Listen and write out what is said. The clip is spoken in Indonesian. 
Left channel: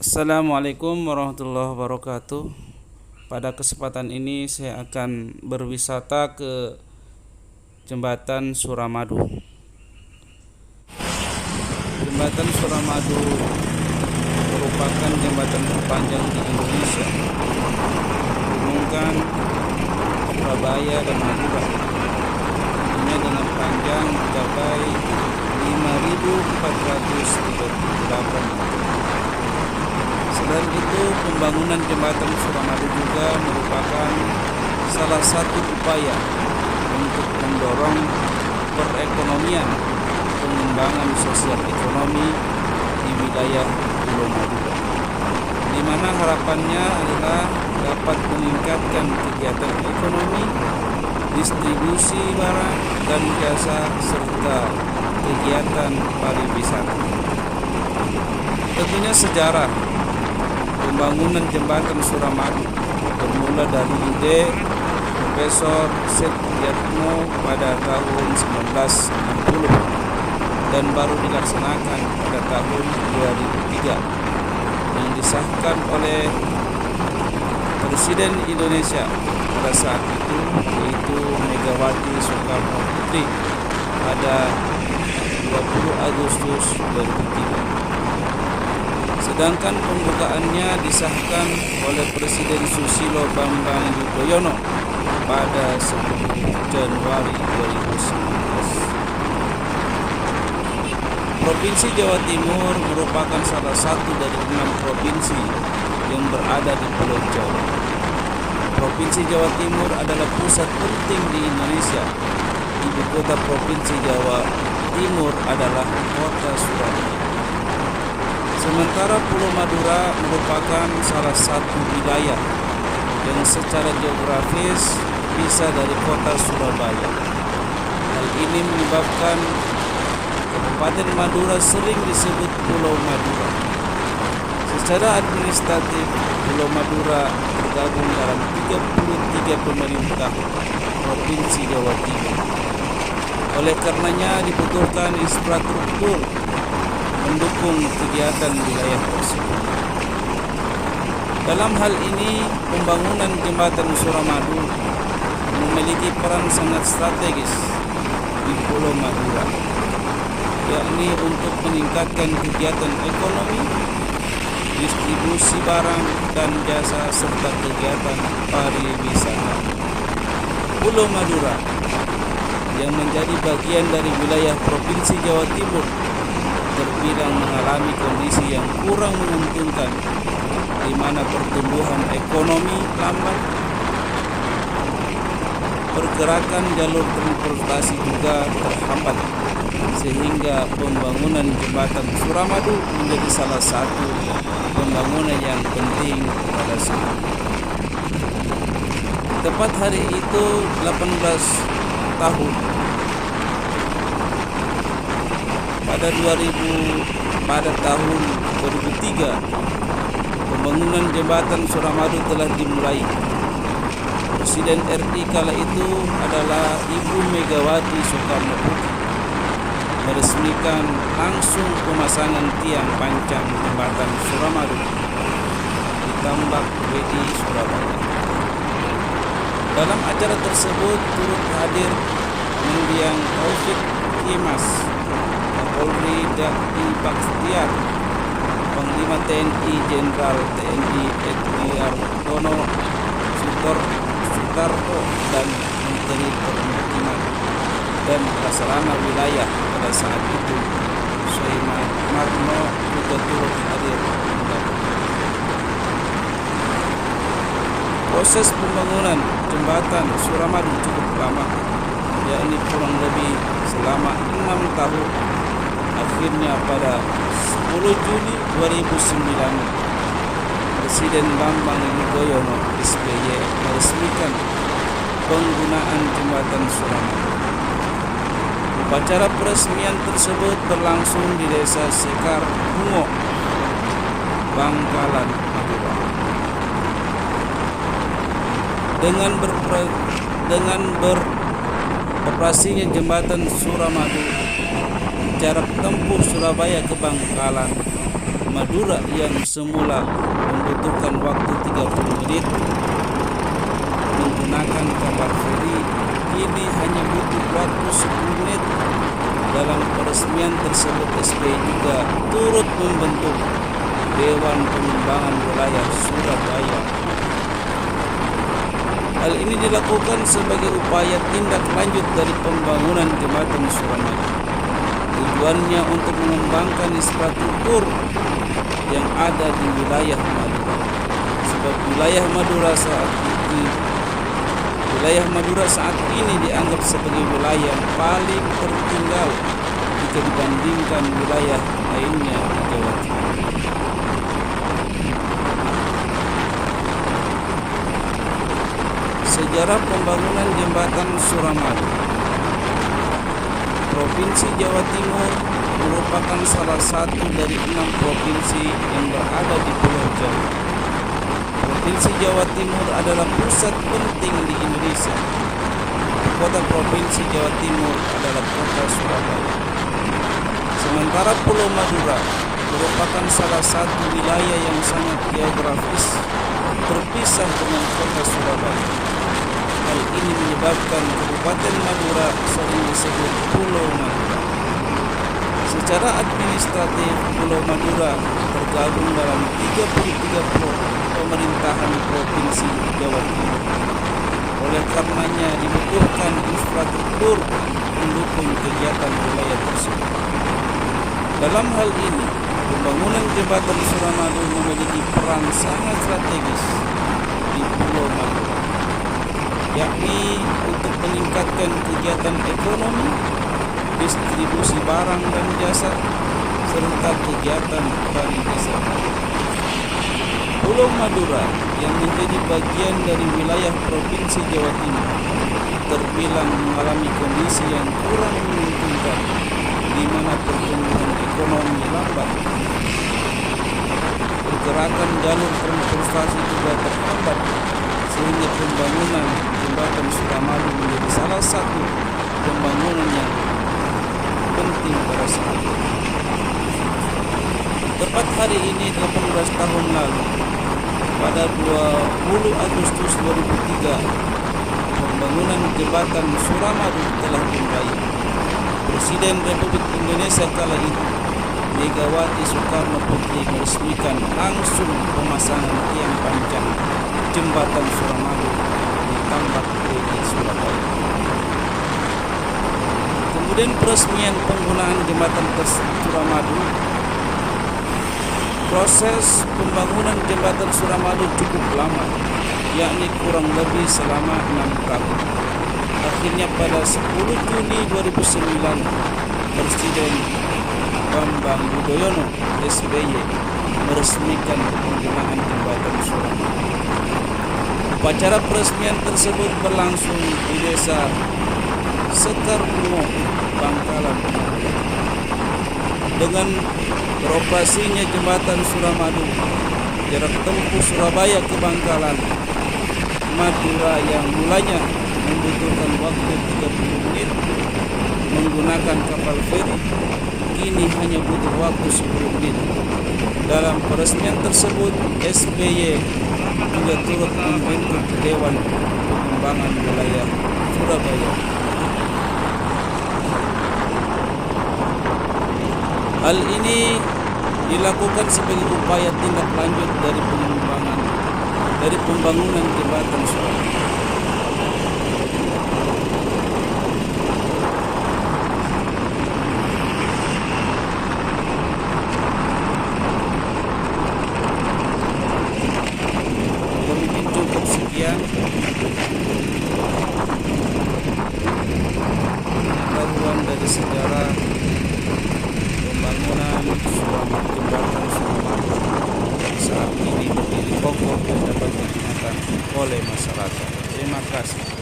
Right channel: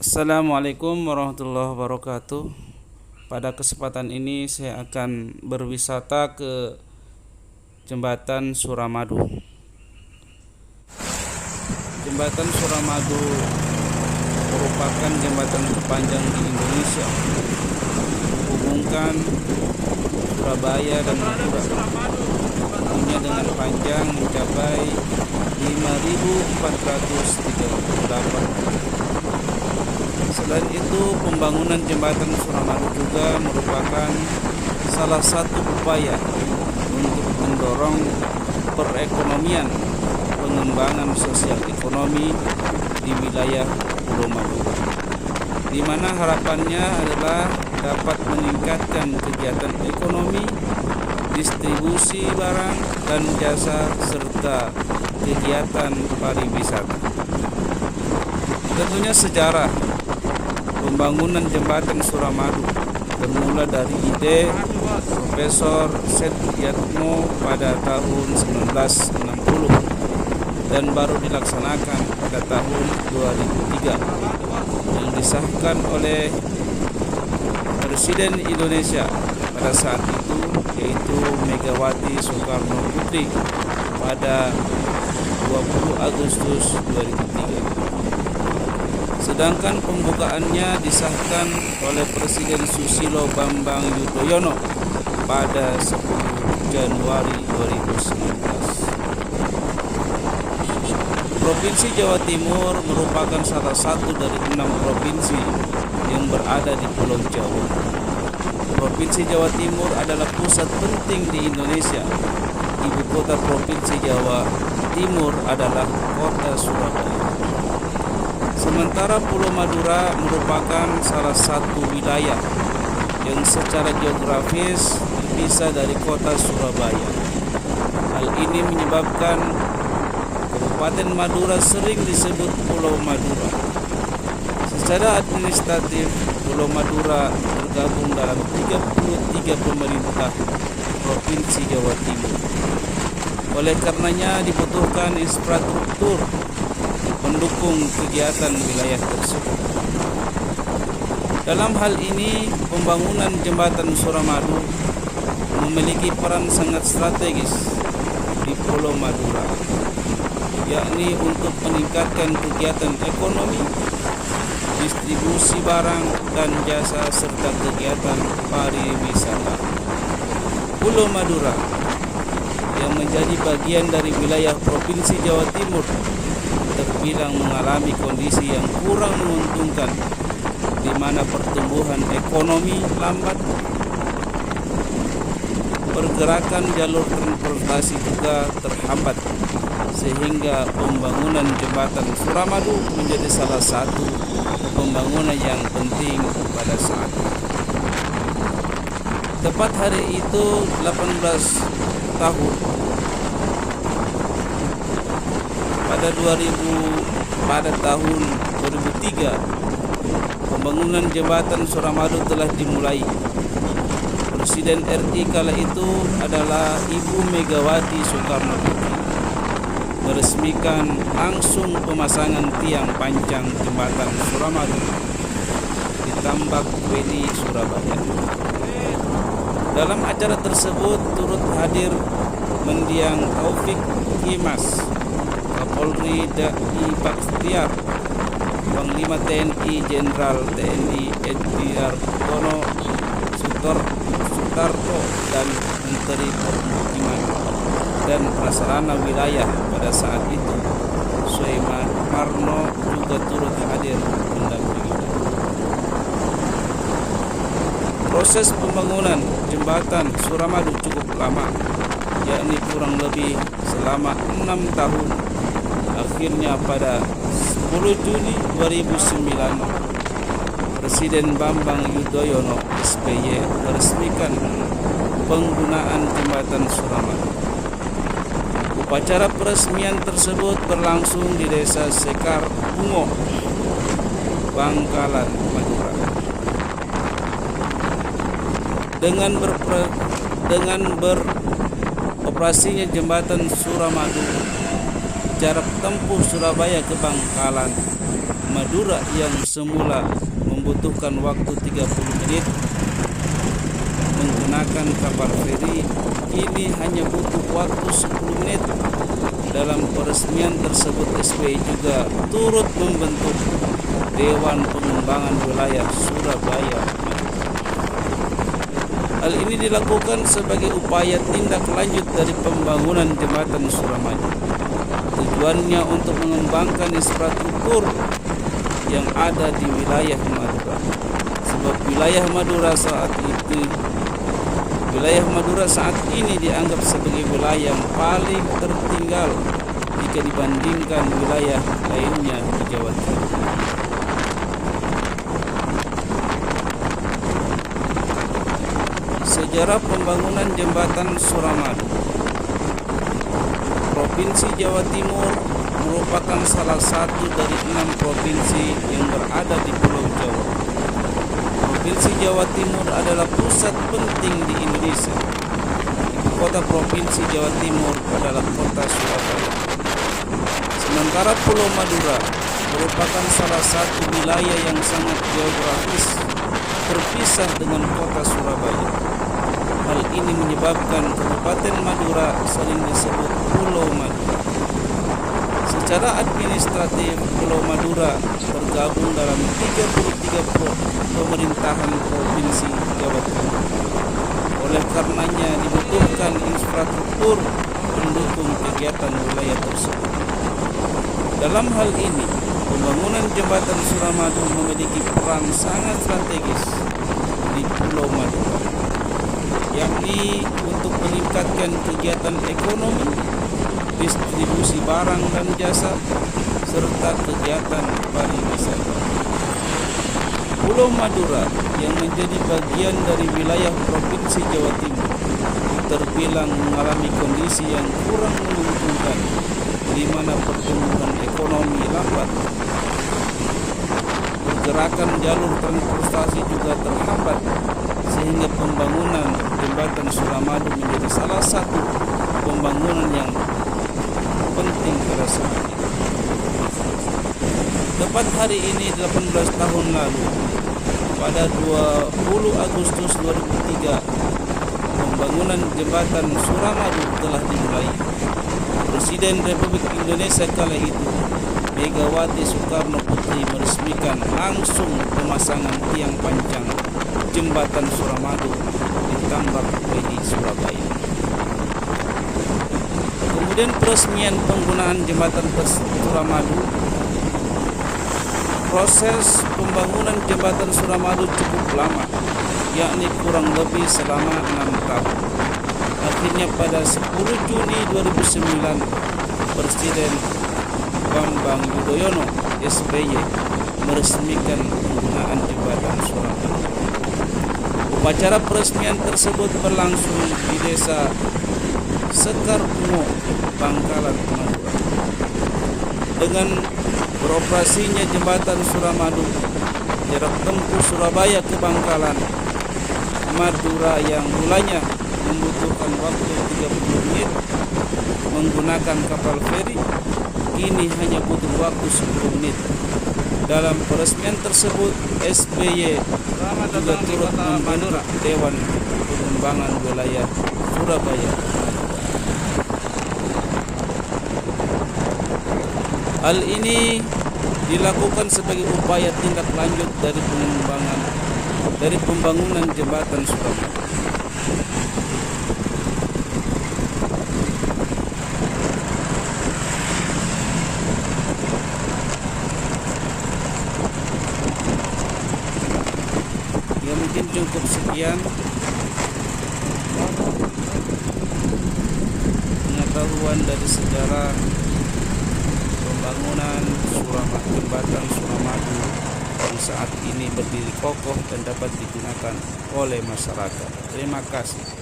Assalamualaikum warahmatullahi wabarakatuh. Pada kesempatan ini saya akan berwisata ke Jembatan Suramadu. Jembatan Suramadu merupakan jembatan terpanjang di Indonesia, menghubungkan Surabaya dan Madura, tentunya dengan panjang mencapai 5.438 meter. Selain itu, pembangunan jembatan Suramadu juga merupakan salah satu upaya untuk mendorong perekonomian, pengembangan sosial ekonomi di wilayah Pulau Madura, di mana harapannya adalah dapat meningkatkan kegiatan ekonomi, distribusi barang dan jasa, serta kegiatan pariwisata. Tentunya sejarah pembangunan jembatan Suramadu bermula dari ide Profesor Setiatmo pada tahun 1960 dan baru dilaksanakan pada tahun 2003 yang disahkan oleh Presiden Indonesia pada saat itu, yaitu Megawati Soekarno Putri pada 20 Agustus 2003. Sedangkan pembukaannya disahkan oleh Presiden Susilo Bambang Yudhoyono pada 10 Januari 2019. Provinsi Jawa Timur merupakan salah satu dari 6 provinsi yang berada di Pulau Jawa. Provinsi Jawa Timur adalah pusat penting di Indonesia. Ibu kota Provinsi Jawa Timur adalah kota Surabaya. Sementara Pulau Madura merupakan salah satu wilayah yang secara geografis terpisah dari kota Surabaya. Hal ini menyebabkan Kabupaten Madura sering disebut Pulau Madura. Secara administratif, Pulau Madura tergabung dalam 33 pemerintah Provinsi Jawa Timur. Oleh karenanya dibutuhkan infrastruktur mendukung kegiatan wilayah tersebut. Dalam hal ini, pembangunan jembatan Suramadu memiliki peran sangat strategis di Pulau Madura, yakni untuk meningkatkan kegiatan ekonomi, distribusi barang dan jasa, serta kegiatan pariwisata. Pulau Madura yang menjadi bagian dari wilayah Provinsi Jawa Timur terbilang mengalami kondisi yang kurang menguntungkan, di mana pertumbuhan ekonomi lambat, pergerakan jalur transportasi juga terhambat, sehingga pembangunan jembatan Suramadu menjadi salah satu pembangunan yang penting pada saat itu. Tepat hari itu 18 tahun pada tahun 2003 pembangunan jembatan Suramadu telah dimulai. Presiden RI kala itu adalah Ibu Megawati Soekarno Putri meresmikan langsung pemasangan tiang pancang jembatan Suramadu di Tambak Wedi, Surabaya. Dalam acara tersebut turut hadir Mendiang Taufik Kimas, Kapolri Dai Bakhtiar, Panglima TNI Jenderal TNI Ediartono Sutarto, dan Menteri Permukiman dan Prasarana Wilayah pada saat itu Soemarno juga turut hadir mendampingi. Proses pembangunan jembatan Suramadu cukup lama, yakni kurang lebih selama 6 tahun. Akhirnya pada 10 Juni 2009, Presiden Bambang Yudhoyono SBY meresmikan penggunaan jembatan Suramadu. Upacara peresmian tersebut berlangsung di Desa Sekar Bungo, Bangkalan, Madura. Dengan beroperasinya jembatan Suramadu, jarak tempuh Surabaya ke Bangkalan Madura yang semula membutuhkan waktu 30 menit menggunakan kapal feri kini hanya butuh waktu 10 menit. Dalam peresmian tersebut SBY juga turut membentuk Dewan Pengembangan Wilayah Surabaya. Hal ini dilakukan sebagai upaya tindak lanjut dari pembangunan jembatan Suramadu. Tujuannya untuk mengembangkan infrastruktur yang ada di wilayah Madura. Sebab wilayah Madura saat ini dianggap sebagai wilayah yang paling tertinggal jika dibandingkan wilayah lainnya di Jawa Timur. Sejarah pembangunan jembatan Suramadu. Provinsi Jawa Timur merupakan salah satu dari 6 provinsi yang berada di Pulau Jawa. Provinsi Jawa Timur adalah pusat penting di Indonesia. Kota Provinsi Jawa Timur adalah kota Surabaya. Sementara Pulau Madura merupakan salah satu wilayah yang sangat geografis terpisah dengan kota Surabaya. Hal ini menyebabkan Kabupaten Madura sering disebut Pulau Madura. Secara administratif, Pulau Madura tergabung dalam 33 pemerintahan Provinsi Jawa Timur. Oleh karenanya dibutuhkan infrastruktur pendukung kegiatan wilayah tersebut. Dalam hal ini, pembangunan jembatan Suramadu memiliki peran sangat strategis di Pulau Madura, yakni untuk meningkatkan kegiatan ekonomi, distribusi barang dan jasa, serta kegiatan pariwisata. Pulau Madura yang menjadi bagian dari wilayah Provinsi Jawa Timur terbilang mengalami kondisi yang kurang menguntungkan, di mana pertumbuhan ekonomi lambat. Pergerakan jalur transportasi juga terhambat, sehingga pembangunan jembatan Suramadu menjadi salah satu pembangunan yang penting pada saat ini. Tepat hari ini 18 tahun lalu, pada 20 Agustus 2003, pembangunan jembatan Suramadu telah dimulai. Presiden Republik Indonesia kala itu, Megawati Soekarno Putri, meresmikan langsung pemasangan tiang panjang jembatan Suramadu di Tambak Wedi, Surabaya. Kemudian peresmian penggunaan jembatan Suramadu. Proses pembangunan jembatan Suramadu cukup lama, yakni kurang lebih selama 6 tahun. Akhirnya pada 10 Juni 2009, Presiden Bambang Yudhoyono SBY meresmikan penggunaan jembatan Suramadu. Upacara peresmian tersebut berlangsung di Desa Sekarbungo, Bangkalan, Madura. Dengan beroperasinya jembatan Suramadu, jarak tempuh Surabaya ke Bangkalan, Madura yang mulanya membutuhkan waktu 30 menit menggunakan kapal feri, kini hanya butuh waktu 10 menit. Dalam peresmian tersebut, SBY juga turut membentuk Dewan Pengembangan Wilayah Surabaya. Hal ini dilakukan sebagai upaya tindak lanjut dari pembangunan jembatan Suramadu. Ya, mungkin cukup sekian pengetahuan dari sejarah pembangunan jembatan Suramadu yang saat ini berdiri kokoh dan dapat digunakan oleh masyarakat. Terima kasih.